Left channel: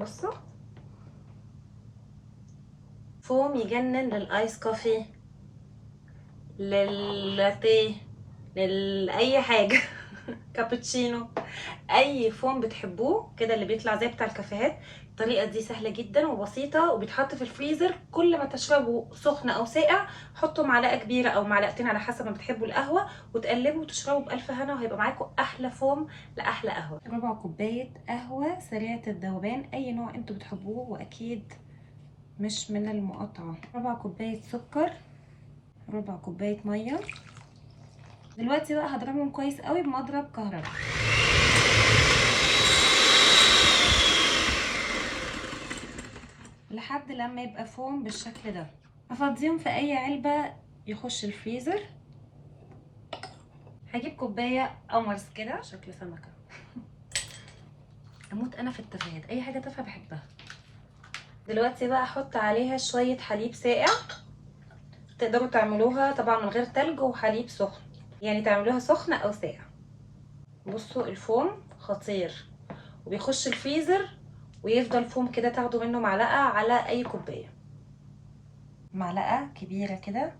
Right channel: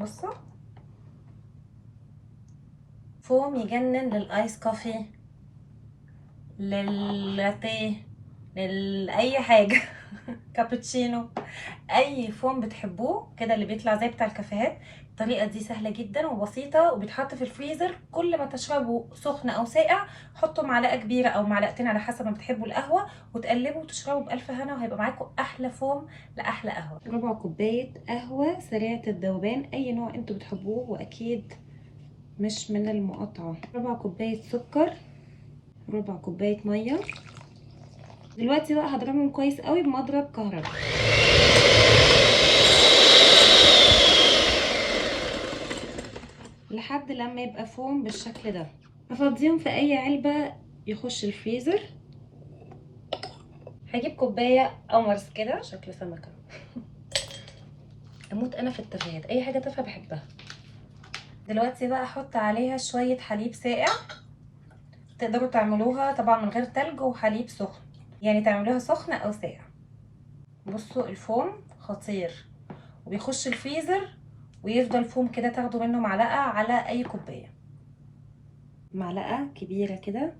بصوا فوم يجنن للايس كوفي، لللاتيه، لاي حاجه كابتشينو، اي فوم بتحبوه كده اللي بيطلع زي بتاع الكافيهات. الطريقه دي سهله جدا وبسيطه وبيتحط في الفريزر. كل ما تشربوا سخن او ساقع حطوا معلقه كبيره او معلقتين على حسب ما بتحبوا القهوه، وتقلبوا وتشربوا بالف هنا، وهيبقى معاكم احلى فوم لاحلى قهوه. ربع كوبايه قهوه سريعه الذوبان، اي نوع انتوا بتحبوه واكيد مش من المقاطعه. ربع كوبايه سكر، ربع كوبايه ميه. دلوقتي بقى هضربهم كويس قوي بمضرب كهرباء لحد لما يبقى فوم بالشكل ده. هفضيهم في اي علبة يخش الفريزر. هجيب كوباية قمرس كده شكل سمكة اموت انا في التفاهات، اي حاجة تافهة بحبها. دلوقتي بقى احط عليها شوية حليب ساقع. تقدروا تعملوها طبعا من غير تلج وحليب سخن، يعني تعملوها سخنة او ساقع. بصوا الفوم خطير وبيخش الفريزر ويفضل فوم كده، تاخدوا منه معلقة على اي كوباية. معلقة كبيرة كده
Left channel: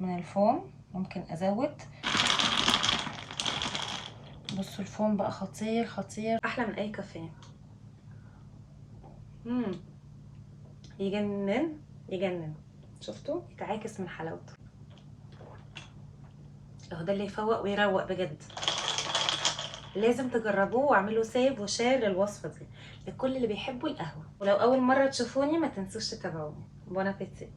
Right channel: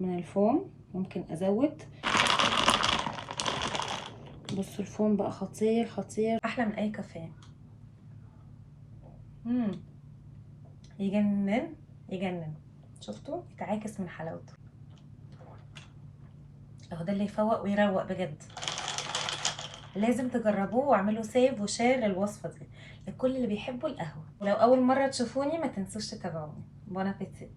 من الفوم، ممكن ازود. بصوا الفوم بقى خطير خطير، احلى من اي كافيه. يجنن يجنن. شفتوا يتعاكس من حلاوته. اهو ده اللي يفوق ويروق بجد. لازم تجربوه واعملوا سيف وشير للوصفه دي لكل اللي بيحبوا القهوه. ولو اول مره تشوفوني ما تنسوش تتابعوني. بون ابيتي.